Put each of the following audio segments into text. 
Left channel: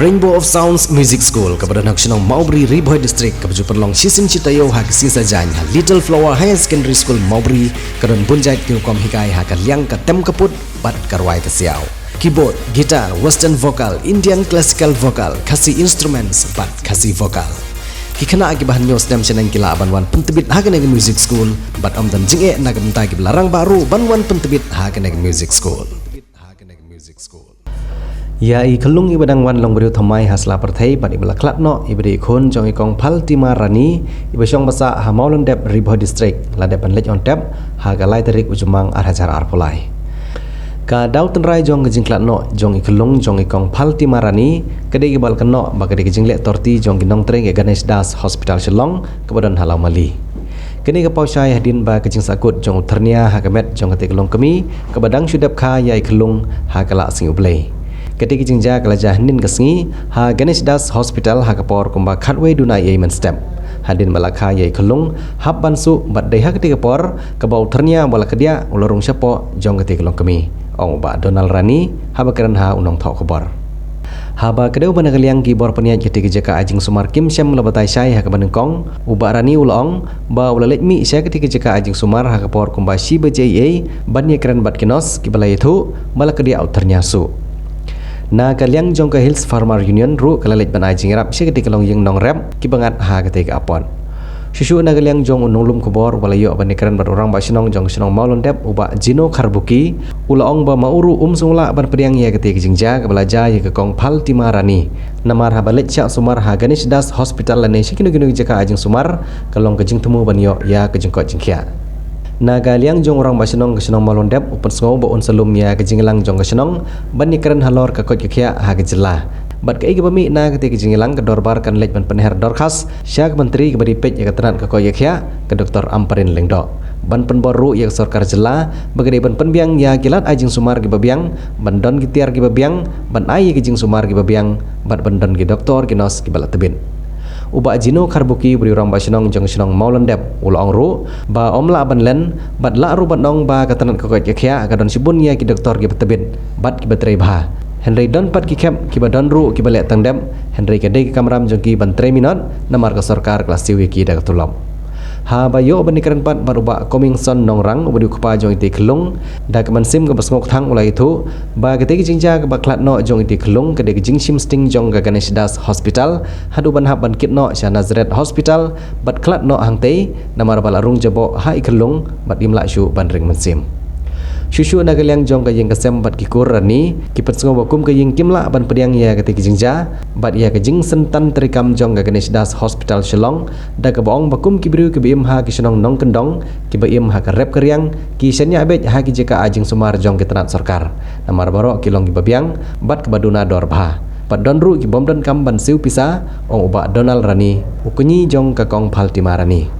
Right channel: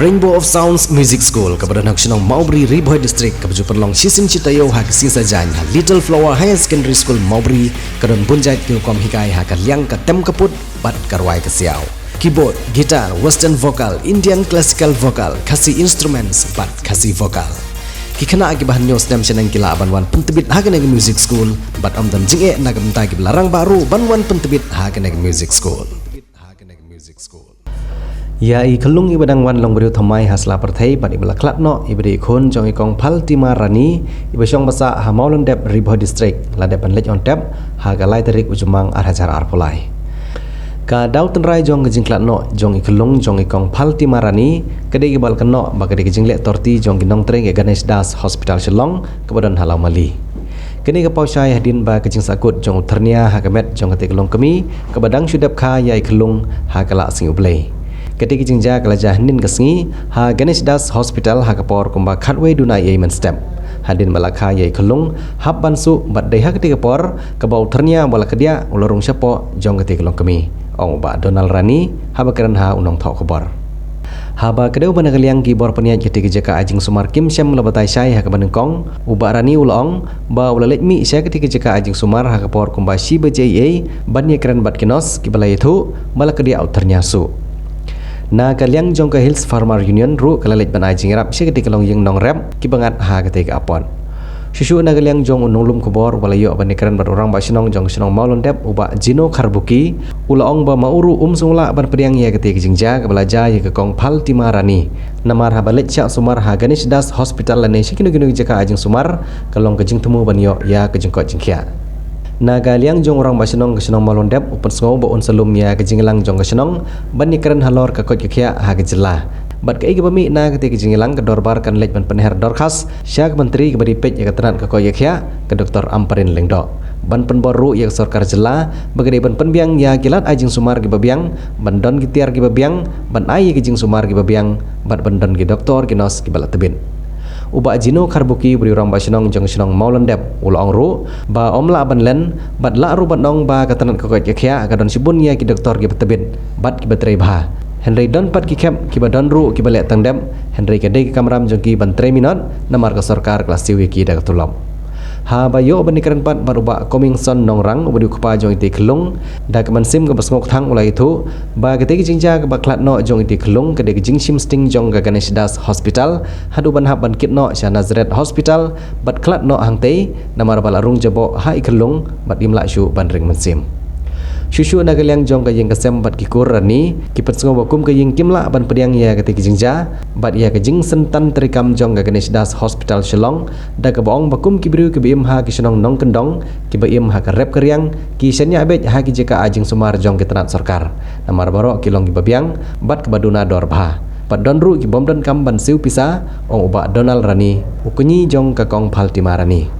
Rainbow of Sounds Music School kepada nak senang Maubri Riboy District kepada perlong sisim citayo hak sisa janya Little Flower Higher Secondary School Maubri kedan bunjait kirukom hikai hak liang ke tem keput bat karwai ke siau keyboard, gitar, western vocal, Indian classical vocal, kasih instruments bat kasih vocal. Kikana akibahan news nem senang kila banwan pentebit hak neg music school bat amdan jinge nak mentai larang baru banwan pentebit hak neg music school. Ya i kelung i badang wan long beriu thamai hasla perthai bat ibla klap no ibri khon jong i kong phal tima rani ibsyong basa hamaulon dep Riboy District la depan lej on tap ha galai tarik ujumang arhajar arpolai ka dau tenrai jong gejing klat no jong i kelung jong i kong phal tima rani kede ibal keno ba kede gejing lek torti jong ginong treng e Ganesh Das Hospital Shillong kebadan halau mali kini ke pausai hadin ba kejing sakut jong ternia hakamet jong kete kelung kemi kebadang syudap kha ya i kelung ha kala sing ublei ketika jingja kelajah nin kesengi ha Ganesh Das Hospital ha kapor kumba khatway dunai yemen step hadin malakha yai kelung hab bansu bat deha ketika por kebau ternia bala kedia ulorung syapo jong ketika kelung kemi ong ba Donald Rani ha bakaran ha unong thau khabar ha ba kedeu bana kaliang ki bor penia ketika jaka ajing sumar kim syam labatai syai ha kabanengkong uba Rani ulong ba ulalek mi sya ketika jaka ajing sumar ha kapor kumba shi bajai bannya keren bat kinos ki balai thu bala kedia au ternia su na kaliang jong ke Hills Farmer Union ru kalalet ban ajing rap si ketika long yang nong rap ki bangat ha ketika apon susu na kaliang jong unulum kubor walayo banikaran bar orang ba sinong jong sinong maulon dep uba Jino Karbuki ulaong ba mauru sungla ban pediang ya ketika jingja ke belaja ya ke kong phal timarani namar ha balet syak sumar ha Ganesh Das Hospital lane sikinu ginu jaka ajing sumar kalong ke jing temu ban yo ya ke jengkot jingkia na galiang jong orang basinong kesenong malon dep upen sngau ba on salum ya kejinglang jong kesenong bani keren halor ka kot kya ha kejela bat kai ke bami na ketika kejinglang ke dorbar kan lej ban penher dorkhas syak menteri ke bari pej ya keteran ka kot kya ke Dr. Amparin Lengdo ban penboru ya sarkar jela bagade ban penbiang ya kilat ajing sumar ke babiang ban don gitiar ke babiang ban ai ke jing sumar ke babiang bat ban don ke doktor ke nos ke balat tebin uba Jino Karbuki beri orang basinong jong sinong maulon dep ulong ru ba omla ban len bat la ru bat nong ba katanan kokot kya kadon sibun ya ki doktor ki betebin bat ki betrei bah Henry don pat ki kep ki badon ru ki balek tang dep Henry kede ki kamram jong ki ban 3 minut namar ke sarkar kelas tiwi ki dak tulom ha ba yo banikaran pat baruba coming son nongrang ubadi kupa jong iti kelung da keman sim ke basngok thang ulai itu ba ketika jingja ke baklat no jong iti kelung kede jing sim sting jong ke Ganesh Das Hospital hadu ban hab ban kit no Shah Nazareth Hospital bat klat no hangtei namar balarung jabo ha ikelung bat imla syu ban ring mensim Shushu na kaliang jong ka yeng kasem bat kikur rani kipet sengo bakum ka yeng kimla ban pediang ya ketika jingja bat ya ke jing sentan terikam jong ka Ganesh Das Hospital Shillong da ka baong bakum kibru ke bim ha ki senong nong kendong ki baim ha ka rep keriang ki senya abet ha ki jeka ajing sumar jong ke tenat sarkar namar baro kilong ki babiang bat ke baduna dor bha pat donru ki bom don kam ban siu pisa ong uba Donald Rani ukunyi jong ka kong phal timarani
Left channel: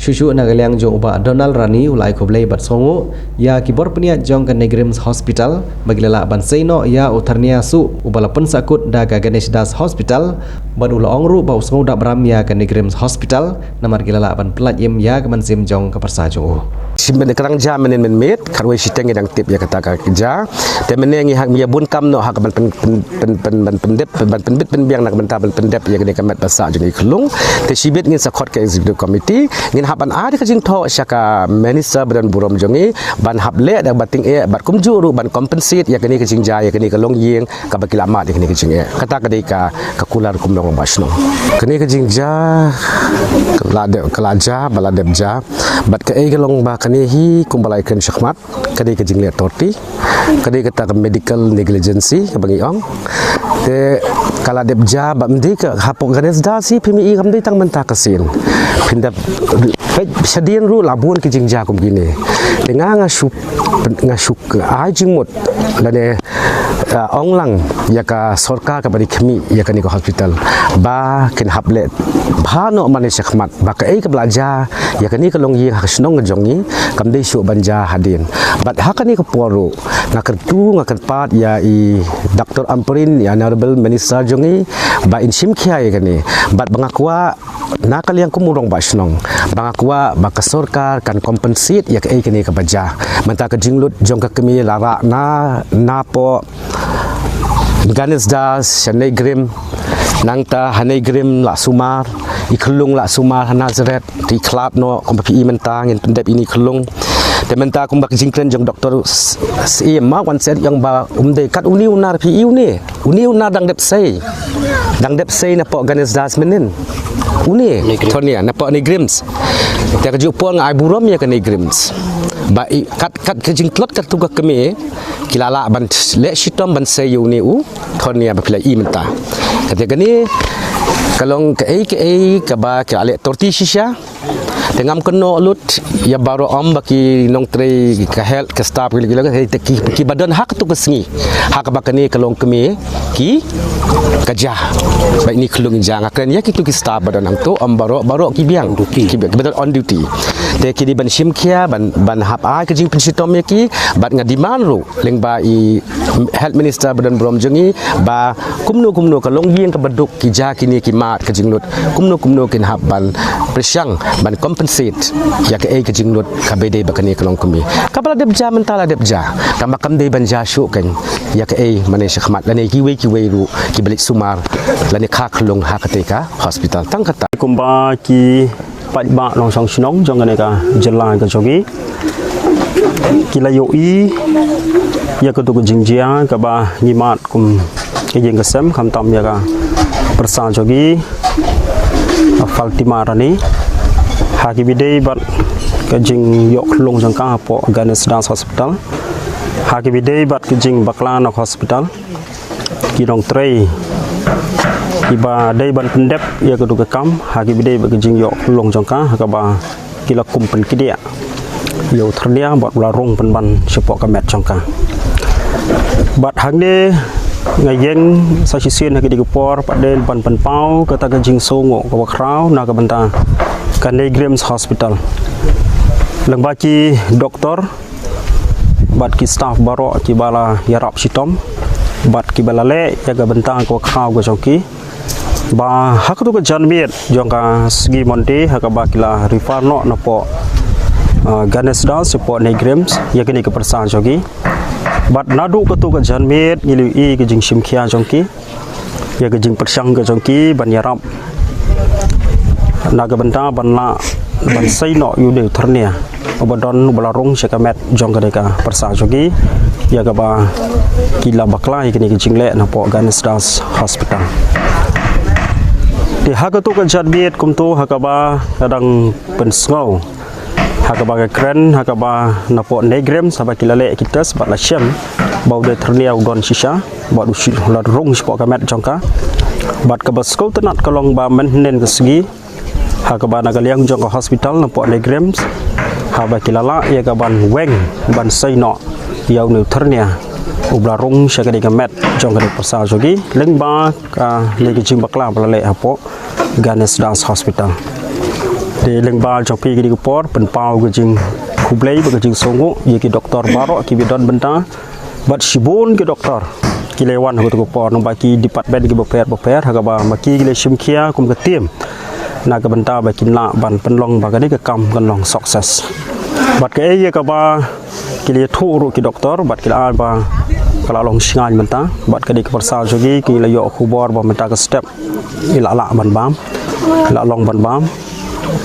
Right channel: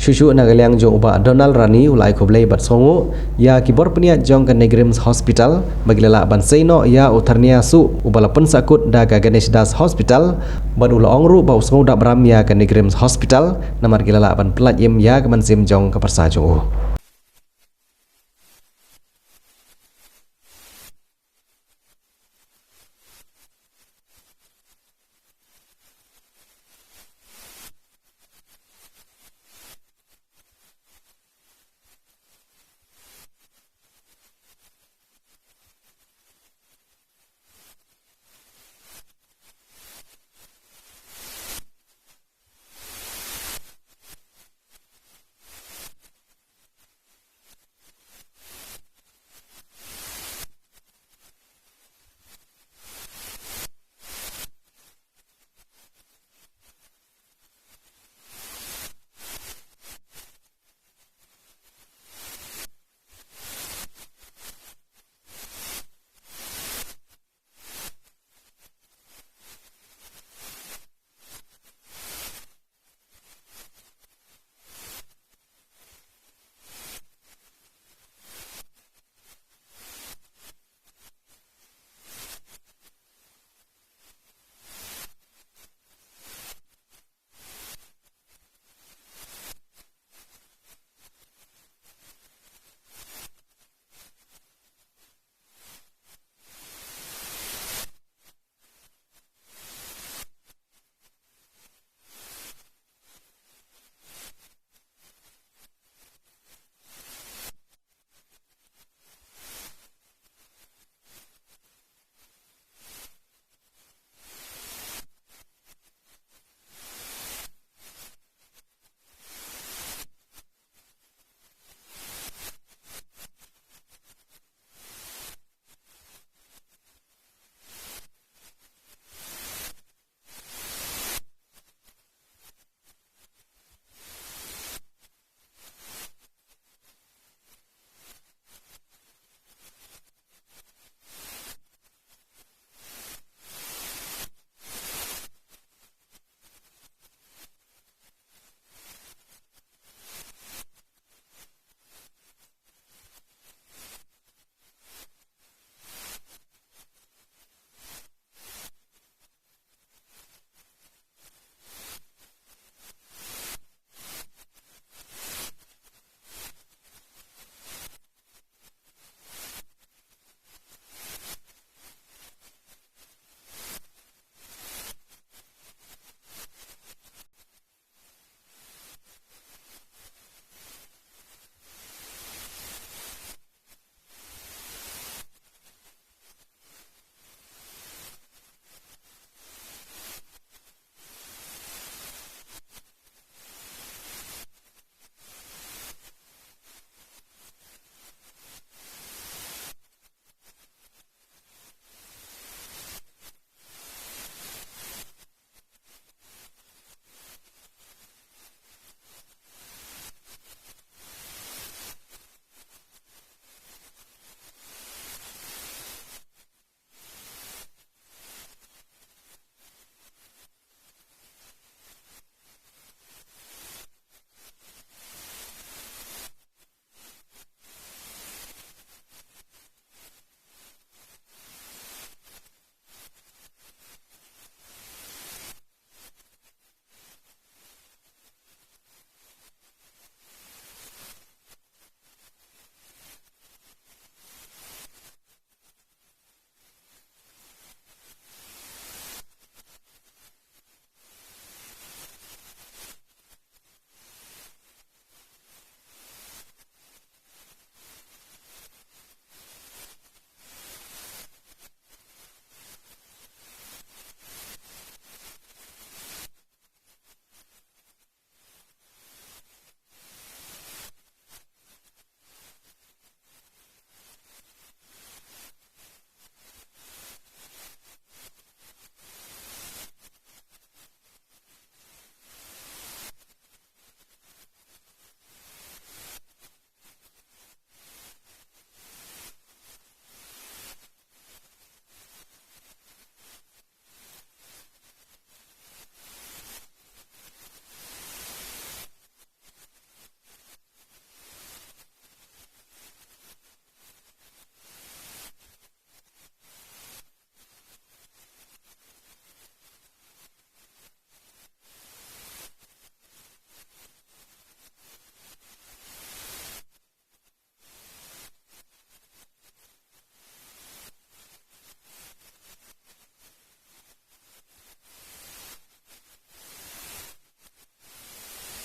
Susu na kaliang jong uba Donald Rani ulai koblei bat songu ya kibor penia jong ke Negrims Hospital bagilala ban seino ya utarnia su ubala pen sakut da ka Ganesh Das Hospital ban ulong ru bau songu da bram ya ke Negrims Hospital namar gilala ban pelat yem ya ke mansim jong ke persa jong simben kerang jam menen met karwe siteng yang tip ya kata kerja te menengi hak mia bun kam no hak ban pendep ban penbit penbiang nak bentar ban pendep ya kene kamat basa jong iklung te sibet ngin sakot ke executive committee ngin haban ada ke jing tho syaka minister badan burom jongi ban hab le da bating e bat kumju ru ban compensate ya kene ke jing ja ya kene ke long yeng ka bakilamat ya kene ke jing e kata kadika ka kular kum long basno kene ke jing ja kelaja baladep ja bat ke e long ba kene hi kumbalai kren syakmat kade ke jing le torti kade kata medical negligence ka bangi ong te kala dep ja ba mdi ka hapok Ganesh Das si PMI kam dei tang menta kasin pindap sadian ru labun ke jing ja kum gini denga ngasuk ajing mot lane onglang ya ka sarkar ka bari khmi ya ka ni ko hospital ba ken hable bhano mane syakmat ba ka ei ka belaja ya ka ni ka long yi ha snong jongi kam dei su banja hadin bat ha ka ni ko poru ngakertu ngakerpat ya i Dr. Amparin ya honorable minister jongi ba in sim khia ya ka ni bat bangakwa na kaliang kumurong ba snong bangakwa ba ka sarkar kan compensate ya ka ei ka ni ka baja menta ka jinglut jong ka kemi lara na po Ganes das Shanay Grim Nangta Hanay Grim La Sumar Iklung La Sumar Nazaret di klub no kompi mentang yang pendep ini kelung dan mentang kumbak jingkren jong doktor ma wan set yang ba kat uni unar pi uni unar dang dep sei na pok Ganes das menin uni tonia na pok ni Grims tak jupon ai burom ya kan ni Grims ba kat kejingklot kat tuga kemi kilala ban le shitom ban sei uni u tonia ba pilai mentang ketika ni kalong ke ba ke ale torti shisha tengam keno lut ya baru baki nong tre ke health ke staff ki badan hak tu kesengi hak bakani kalong kemi ki kerja baik ni kelung jang akan ya kitu ki staff badan ang tu baru ki biang ki betul on duty te ki di ban simkia ban hap ai ke jing pensitom ya ki bat ngadiman ru leng ba i health minister badan brom jengi ba kumno kalong biang ke beduk ki ja kini ki mat ke jing lut kumno kin hap ban presyang ban compensate ya ke ke jing lut ka bede bakani kalong kemi kapala deb ja mentala deb ja kamakam de ban ja syuk kan ya ke mane sykhmat lani ki we ru ki balik sumar lani kha khlong ha ketika hospital tang kata kumba ki pat ba long song snong jong ne ka jela ka jogi kila yo I ya ka tu ko jingjia ka ba ngimat kum ke jeng ka sem kham tam ya ka persa jogi faltima rani ha ki bidei bat ka jing yo khlong jong ka po Ganes Das Hospital ha ki bidei bat ka jing baklan hospital ki dong trei iba dai ban pendep ya ke duga kam hagi bidai ba jing yo long jongka ka ba kila kumpen kidia yo thria bot la rong pen ban support ka met jongka bat hang de ngayeng sa sisien hagi digopor padel ban pen pau ka ta jing songo ka kraw na ka banta ka Nei Grims Hospital lang ba ki doktor bat ki staff baro ki bala yarap sitom bat ki bala le ya ga banta ka kraw go jongki ba hak tu ke janmiet jongka segi monte hak ba kila rifarno napo Ganes Das support Nei Grims ya kini ke persan jogi bat nadu ke tu ke janmiet ngilu I ke jing simkia jongki ya ke jing persang ke jongki ban yarap naga benta ban la ban sai no yu de thornia obadon balarung sekamet jong ke deka persan jogi ya ke ba kila bakla ya kini ke jingle napo Ganes Das Hospital di hak tu kan jadbiet kumtu hakaba kadang pensngau hakaba ke kren hakaba napo Nei Grims sabak kilale kita sebab la syam bau de ternia udon shisha bau usi la rung spok kamet jongka bat ke baskau tenat kalong ba menen ke segi hakaba nagaliang jongka hospital napo Nei Grims haba kilala ya kaban weng ban saino yau ne ternia ublarung syakadi kamet jong kadi pasal jogi lengba ka legi jing bakla balale apo Ganes Das Hospital de lengba jopi kidi kupor penpau ke jing kublai ke jing songo ye ki doktor baro ki bidon benta bat sibun ke doktor ki lewan ko kupor no baki department ki boper hagaba maki ki le simkia kum ke tim na ke benta baki na ban penlong bagani ke kam kanlong sukses bat ke ye ka ba ki le thuru ki doktor bat ki alba kalau long singan benta bat kadi ke persal jogi ki la yo khubor ba menta ke step ila la ban bam la long ban bam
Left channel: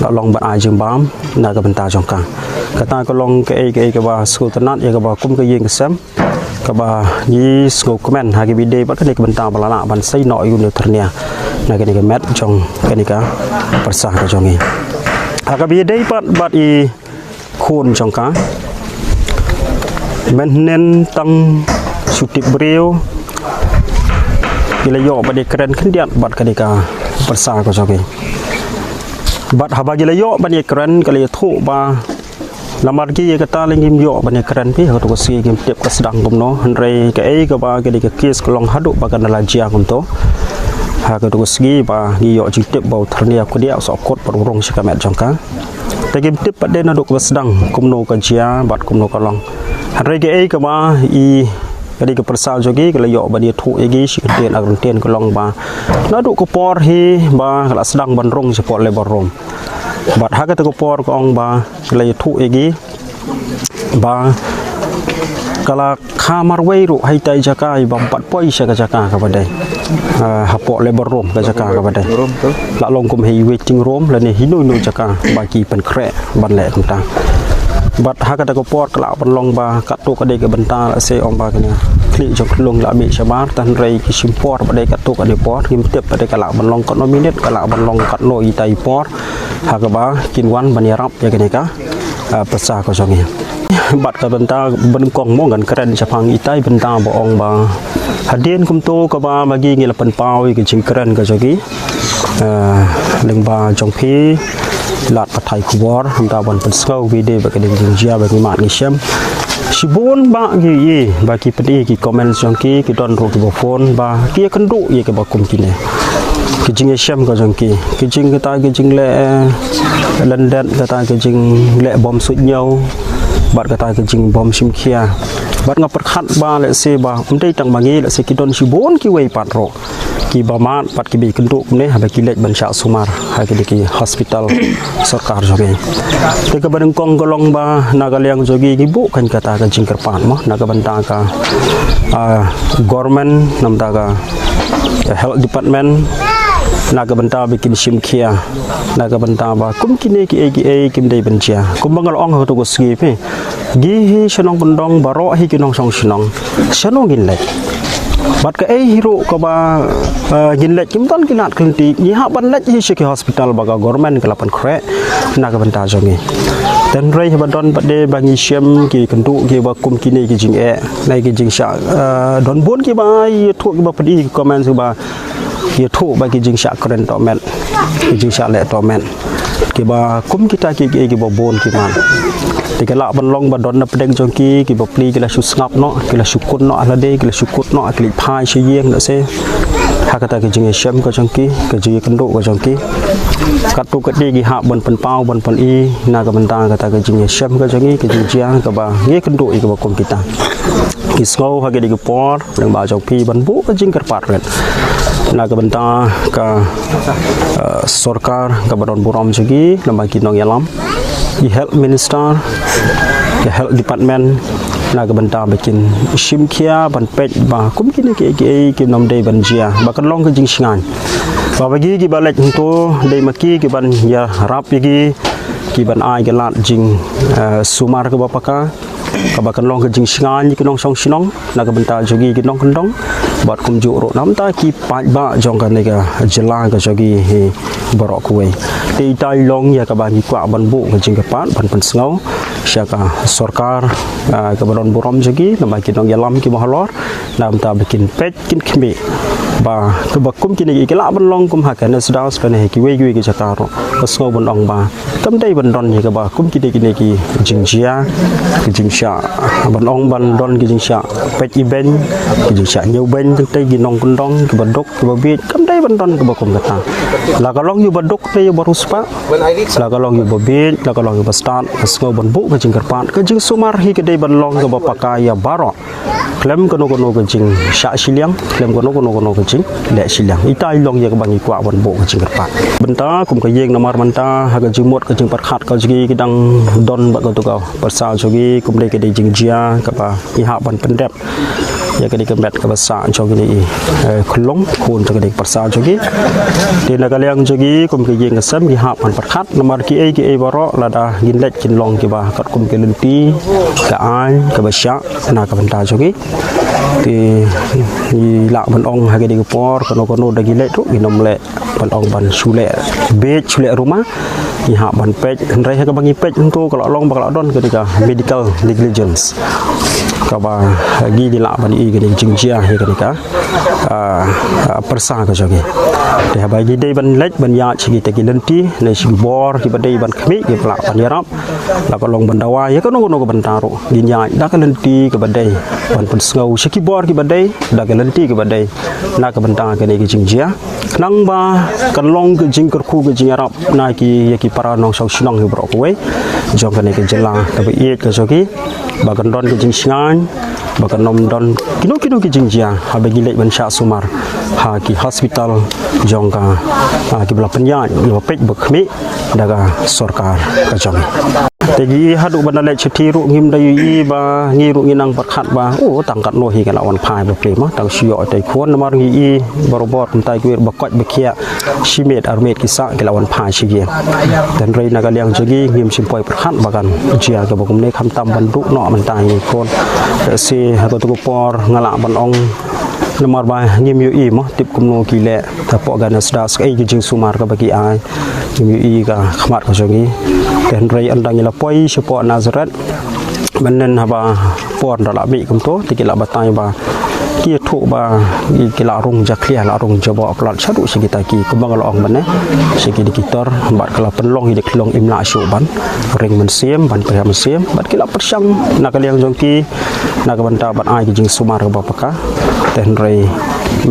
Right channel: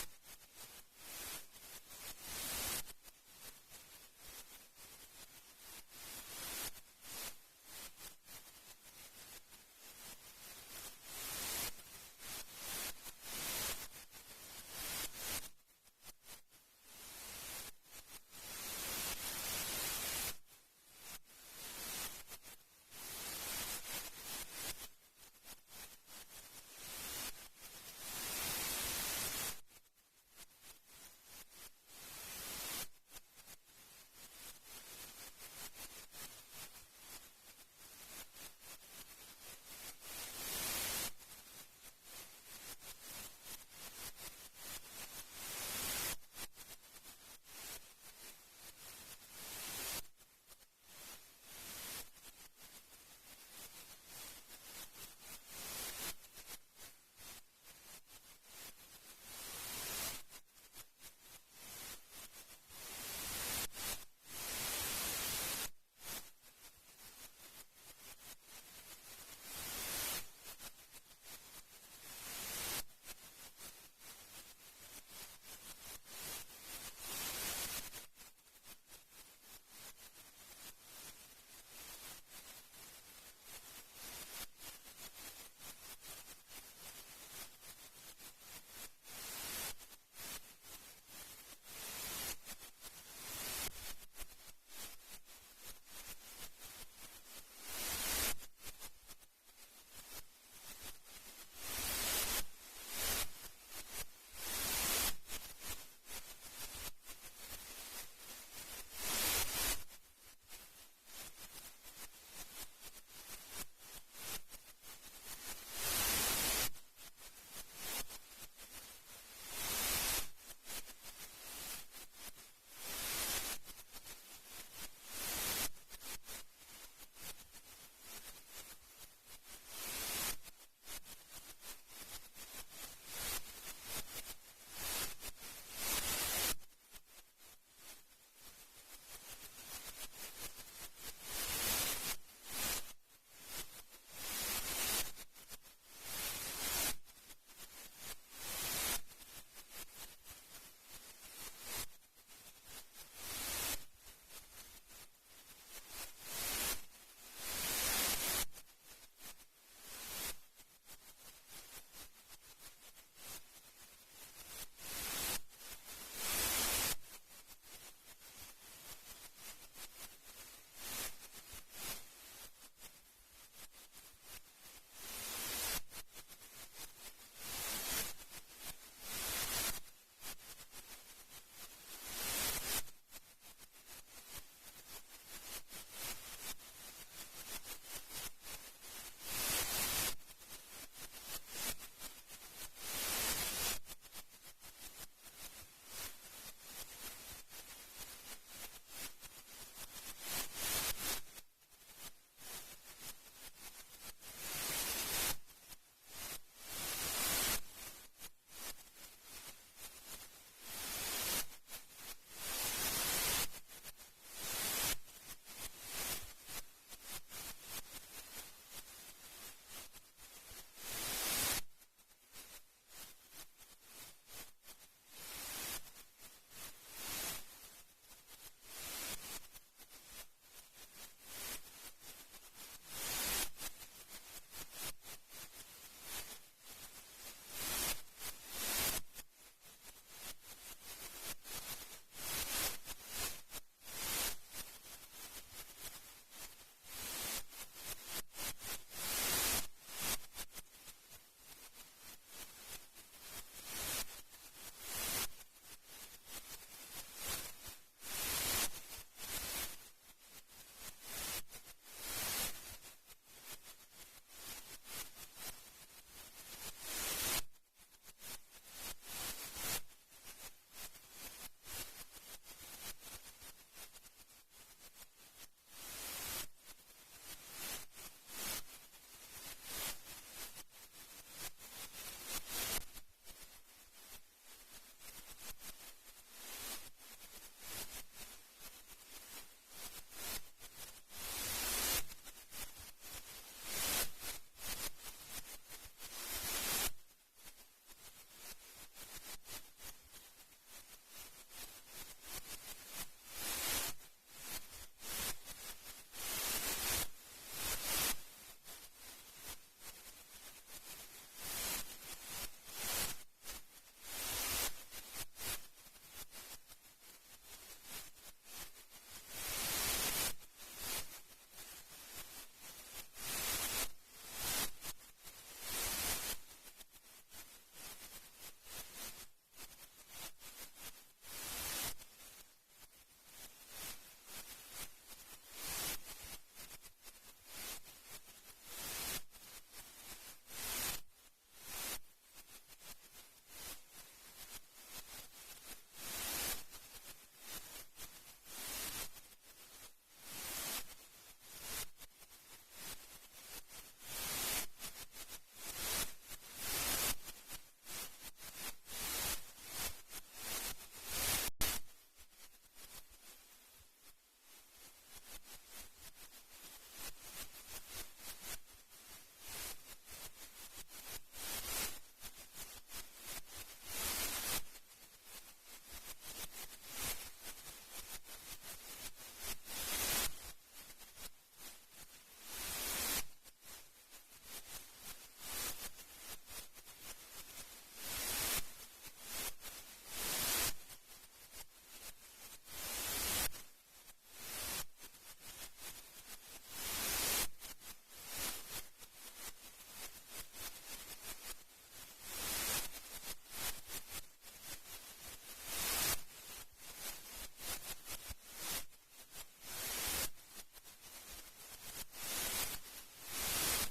la long ban ai jing bam na ke benta jongka kata ko long ke ba school tenat ya ke ba kum ke yeng ke sem ke ba yi school komen ha ke bide bat kadi ke benta ba la ban sai no yu ne ternia na ke ni ke met jong ke ni ka persah ke jongi ha ke bide bat I khun jongka menen tang sutip beliau bila yo bade keren kendiat bat kadika persah ko jogi bat habagi la yo bade keren kali thu ba lamar ki kata lengim yo bade keren pi ko to si kim tip ka sedang gumno henrei ke ka ba kadika kis kolong hadu ba kan la jia kunto ha ko to si ba ni yo jitip bau ternia ko dia so kot perurung sikamet jongka tegim tip bade na duk sedang kumno ka jia bat kumno kolong henrei ke ka ba I kadi ke persal jogi kalau yo ba dia thu egi sikten agrunten kolong ba nadu ko por hi ba kala sedang bandrong support labor room bat haga to ko por ko ong ba kalau thu egi ba Kalau kamar wairu hai tai jaka i bang 4 poi sya jaka ka badai. Hapok labor room ka jaka ka badai. La long kum hei waiting room la ni hinu jaka bagi pen krek ban le tentang. Bat hakata ko port kala ban long ba kat tu ka de ka benta la se om ba kena. Klik jok long la mi shabar tan rei ki simport ba de kat tu ka de port kim tep ba de kala ban long kat no minute kala ban long kat no i tai port. Hakaba kin wan ban yarap ya kene ka. Pesa ko jongi. Bat ka benta ben kong mo gan keren sapang itai benta bo ong ba hadien kum to ka ba bagi ngi lapan pau ki jing keren ka jogi leng ba jong phi lat pathai kuwar hamta ban pensau video ba ka ding jia ba ki mat ngi syam sibun ba gi ba ki pedi ki comment jong ki don ro ki bo phone ba ki kendu ye ka ba kum ki ne ki jing syam ka jong ki jing ka ta ki jing le London ka ta ki jing le bom sut nhau bat kata kejing bom simkia bat ngap perkhat ba le se ba umdei tang bangi le se kidon sibon ki wei patro ki bamat pat ki bi kenduk ne ha ba ki lek ban syak sumar ha ki ki hospital sarkar jogi te ka badeng kong golong ba nagaliang jogi ki bu kan kata kejing kerpat mo naga banta ka government namta ka health department naga benta bikin simkia naga benta ba kum kini ki kim dei bencia kum bangal ong ho to ski pe gi hi shanong bendong baro hi kinong song shinong shanong gin lek bat ka hiro ka ba gin lek kim ton kinat klinti ni ha ban lek hi shiki hospital ba ga government ka lapan kre naga benta jongi dan rei ba don ba de bangi syam ki kendu ki ba kum kini ki jing nai ki jing sha don bon ki ba yi thu ki ba pedi comment su ba ye thu ba ki jing sha kren to men ki jing sha le to men ki ba kum kita ki ba bon ki man ti kala ban long ba don na pedeng jong ki ba pli ki la su ngap no ki la su kun no ala de ki la su kut no ki phai she yeng no se hakata ki jing shem ko jong ki ji kendo ko jong ki kat tu kat di ha bon pen pau bon pen i na ka banta kata ki jing shem ko jong ki jing jiang ka ba nge kendo i ka ba kum kita ki sko ha ki di ko por leng ba jong pi ban bu ka jing kerpat ret naga benta ka sorkar ka badon buram jagi nama kinong yalam di health minister ke health department naga benta bikin simkia ban pet ba kum kini ki nom dei ban jia ba kan long ka jing singan ba bagi ki balek to dei maki ki ban ya rap ki ban ai ke lat jing sumar ka bapaka kabakan long ke jing singan ki nong song sinong naga benta jogi ki nong kendong bat kum ju ro nam ta ki pa ba jong kan ka jela ka jogi he borok kuwe ti tai long ya ka ba ki kwa ban bu ka jing ka pat ban pen sngo sya ka sarkar ka badon buram jogi nama ki nong yalam ki mahalor nam ta bikin pet kin khmi ba ka ba kum ki ni ki la ban long kum ha ka na sda spen he ki we ki jaka ro ka sngo ban ong ba tam dei ban don ni ka ba kum ki ni ki jing jia ki jing sya ban ong ban don ki jing sya pet event ki jing sya nyau ben teng tei ki nong kundong ki badok ki babit kam dei ban don ka ba kum kata la ka long yu badok te yu baruspa la ka long yu babit la ka long yu bastat sngo ban bu ka jing kerpat ka jing sumar hi ka dei ban long ka ba pakaya baro klem kono ka jing sya siliang klem kono ka jing le siliang itai long ya ka bangi kwa ban bu ka jing kerpat benta kum ka yeng namar manta ha ka jing mot ka jing pat khat ka jigi ki dang don ba ka tu ka pasal jogi kum dei ka dei jing jia ka ba i ha ban pendep ya ka dei ka met ka basa jogi ni khulong khun ka dei pasal jogi ti na ka liang jogi kum ka yeng ka sam ki ha ban pat khat namar ki ai baro la da gin lek kin long ki ba kat kum ke lenti ka ai ka basya na ka benta jogi ti la ban ong ha ka dei ka por kono da gilek tu ginom le ban ong ban sule be sule rumah i ha ban pej rei ka bangi pej tu kalau long bakal don ketika medical negligence ka ba gi di la ban i ke jing jia he ketika persa ka jogi de ha bagi dei ban lek ban ya chi te ki lenti le si bor ki ba dei ban khmi ki pla ban yarap la ka long ban dawa ya ka no ka ban taro gin ya da ka lenti ka ba dei ban pun ngau si ki bor ki ba dei da ka lenti ki ba dei na ka ban ta ke ni ki jing jia nang ba kan long ke jing ker khu ke jing yarap na ki ya ki para nong sau sinong hi bro ko we jong ka ni ke jela ka ba i ka jogi ba kan don ke jing singan ba kan nom don kino ki jing jia ha ba gi lek ban sya sumar ha ki hospital jong ka ki bla penya ni ba pek ba khmi daga sarkar ka jong Tegi hadu bandale chetiru ngim dayu ba ngiru nginang perkhat ba tangkat no hi kan awan phai ba prima tang sio tai khon namar ngi barobot tai kuir ba kwat ba khia shimet armet kisa ke lawan phai shigi dan rei naga liang jagi ngim simpoi perkhat ba kan jia ke ba kumne kham tam bandu no man tai ni khon si hatu tu por ngala ban ong namar ba ngim yu i mo tip kumno ki le ta po gan sda sk ai jing sumar ka bagi ai ngim yu i ka khmat ko jogi dan rei andang ila poi support Nazareth menen haba por dala bi kum to tikila batai ba kia thu ba kila rung jaklia la rung jabo plat sadu sigita ki kumbang long ban sigi dikitor bat kala penlong hidik long imla syu ban ring men siem ban pria men siem bat kila persang nak liang jongki nak banta bat ai jing sumar ka bapaka ten rei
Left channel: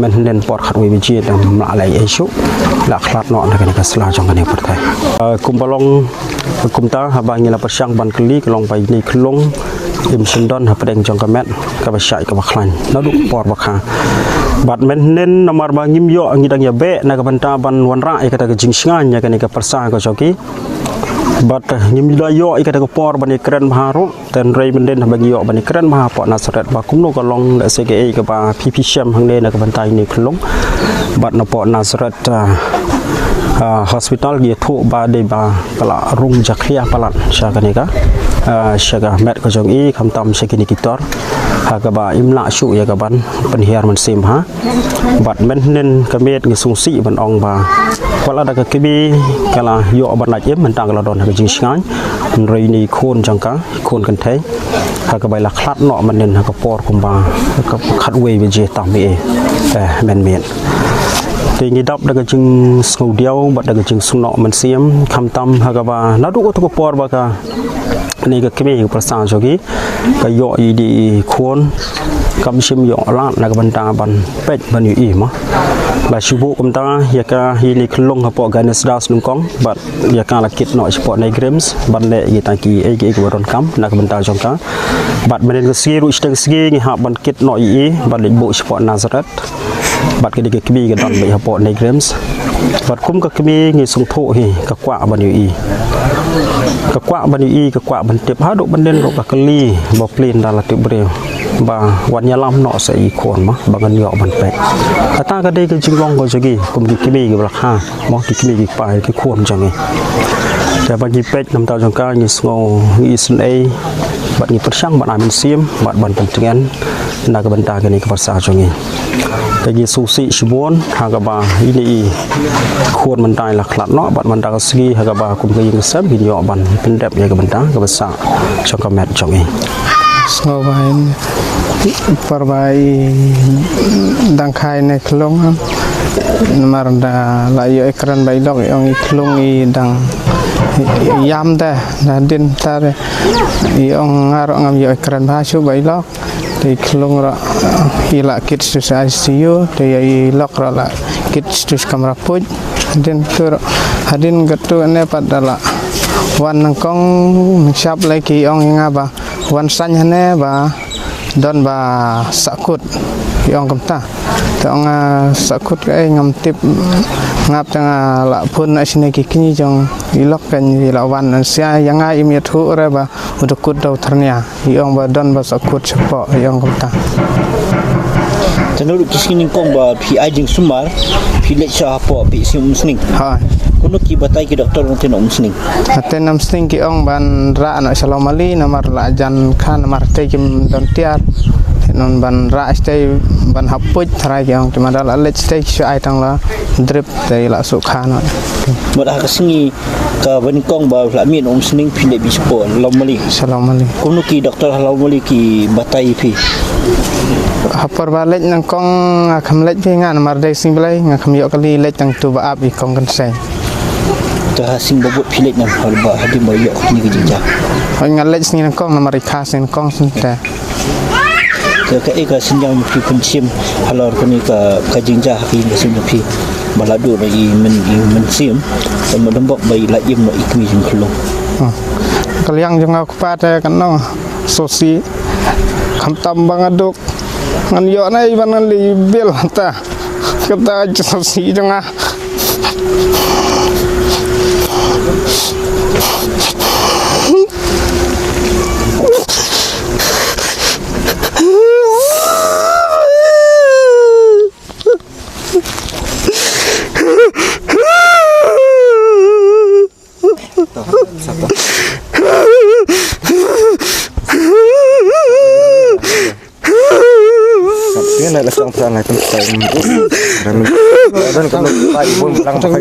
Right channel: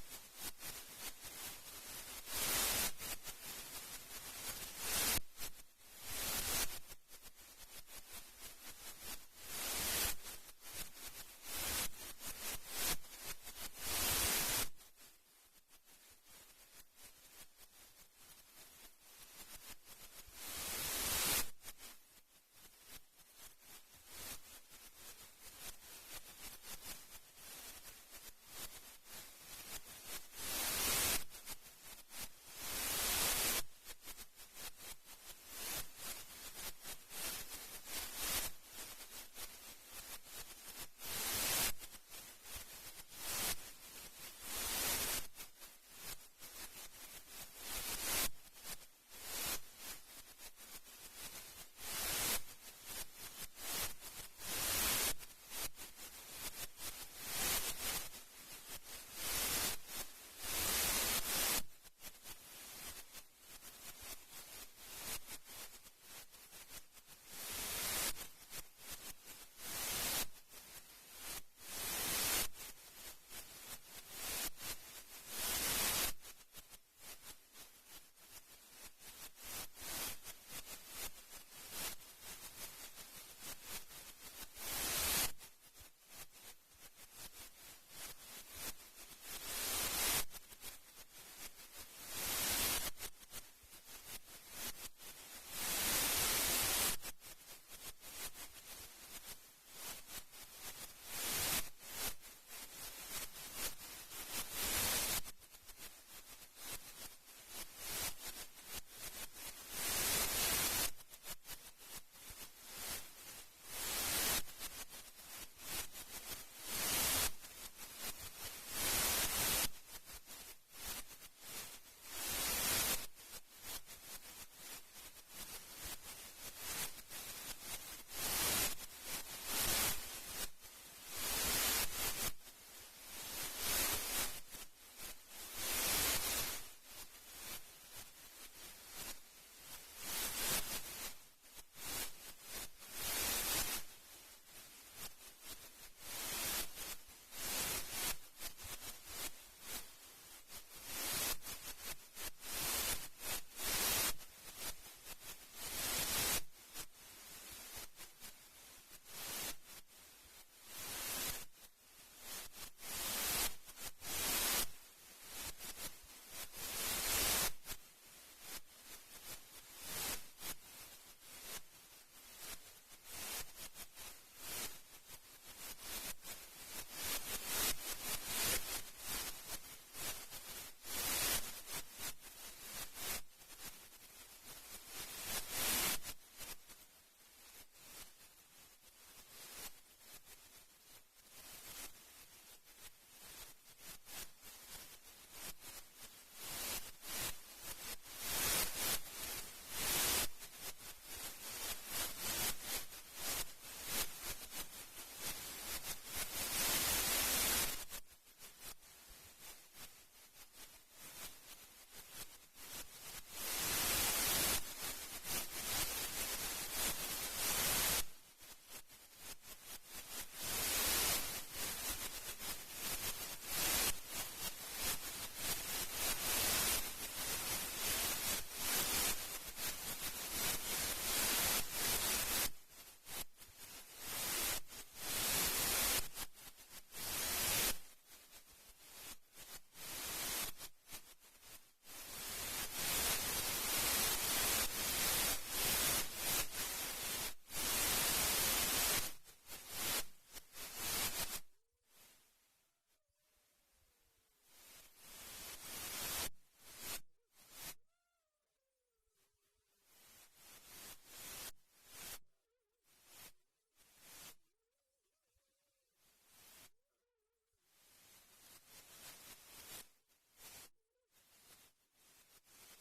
menen por khat wi biji dam la lai esu la khlat no nak ka sla jong kan pertai kumbalong kumta haba ngila persang ban kli kelong pai ni klong im sendon ha pedeng jong kamet ka ba syai ka ba khlan na du por ba kha bat men nen nomor ba ngim yo ngidang ya be na ka banta ban wan ra e kata ka jing sngan nya ka persa ka joki bat ngim da yo e kata ka por ban ni kren maharu ten rei men den bagi yo ban ni kren maha po Nazareth ba kum no ka long da CKA ka ba PP Shem hang ne na ka banta ni klong bat na po Nazareth hospital dia thu ba de ba kala rung jaklia palat syakanika syaga met ko jong i kham tam sekini kitor ha ka ba imla syu ya ka ban penhiar man sim ha bat men nen ka met ngi sung si ban ong ba wala da ka kibi kala yo ban la jem man tang kala don ka jing sngai rei ni khon jang ka khon kan thai ha ka ba la khlat no man nen ha ka por kum ba ka khat we be je tam e men men thì đọc được cái chừng sầu điêu bật được cái chừng sung nọ mình xiêm khăm tâm hay là nó đủ có por bạc à này cái gì của sản cho cái dội đi khuôn cầm sim dọ lát là cái bánh ta bánh pet bánh yu im á là sư phụ của ta hiện cái hiện nay khung hợp bộ cái nesda sung con bật hiện cái là kit nội support này games bánh lệ gì ta kỳ cái của đòn cắm là cái bánh ta trong cá bật bên cái ski rụt cái ski như học bánh kit nội ý bật lệnh bộ support Nazareth bật cái cái cái đòn bị hợp bộ này games bật cũng cái người sung thụ thì cái quả bánh yu im cái quả bánh yu im cái quả bánh tiệp hát độ bánh đen độ cái ly bọc lên là tiệp bèo vàวันยาลำเนาะใส่คนมั้งบางอันเหยาะบันเป็ดแต่ตาก็ได้ก็จึงลองก็จะกี่กลุ่มกี่มีกี่ราคามองกี่มีกี่ปลายกี่ควรจังไงแต่บางกี่เป็ดน้ำตาจังก้ากี่สงอกี่สันเอบัดกี่ประชังบัดอามินเซียมบัดบันเป็นจังงั้นน่าก็บันตากันนี่ก็ภาษาจังไงแต่กี่ซูซิชิบวนหากบ่าอีนี่ควรมันตายหลักหลักเนาะบัดมันตาก็สกีหากบ่ากลุ่มก็ยังเสพกี่เหยาะบันเป็นแบบยังก็บันตาก็ภาษาจังก็แมทจังไงSnowain perbai dangkai ne klong nomor da layo ekran bailok yang klong I dang yam da din tar yang ngarok ngam yo ekran basu bailok di klong ra ila kit sus ICU de ilok ra la kit sus kamera puj din tur hadin gatu ne padala wan nangkong siap lagi ong ngaba wan san hane ba don ba sakut yong kamta tong sakut kai ngam tip ngap tang la pun asine ki kini jong ilok kan la wan sia yang ai mi thu re ba udukut dau tharnia yong ba don ba sakut sepo yong kamta Tenurut kisini kong ba pi ajing sumar pi lecture apa pi sim musning ha kuno ki batai ki doktor nang teno musning aten nam sting ki ong ban ra no salam ali namar la jan khan namar te kim don tiat non ban ra stay ban hapuj thrai ki ong timada la let stay shu ai tang la drip te la su khan no modah kasingi ka ban kong ba la min musning pi le bi spo lomali salam ali kuno ki doktor lomali ki batai pi hapar balik nang kong kham lech pi nga namar dei sing blai nga kham yo kali lech tang tu ba ap I kong kan sai ta sing bobot pi lech nam ba hadi mo yo ni ki jinja hoi nga lech sing nang kong namar ikha sing kong sun ta ka eka sinjang pi pensim halor kuni ka jinja ki ka sim pi baladu na men sim mo dembok bai la yim no ikmi jing khulung kaliang jong aku pate kan no sosi kham tam bang aduk ngan yo nai ban li bil ta kata sosi jong Ini adalah sang peran yang penting. Dan kalau kita ibu bilang pakai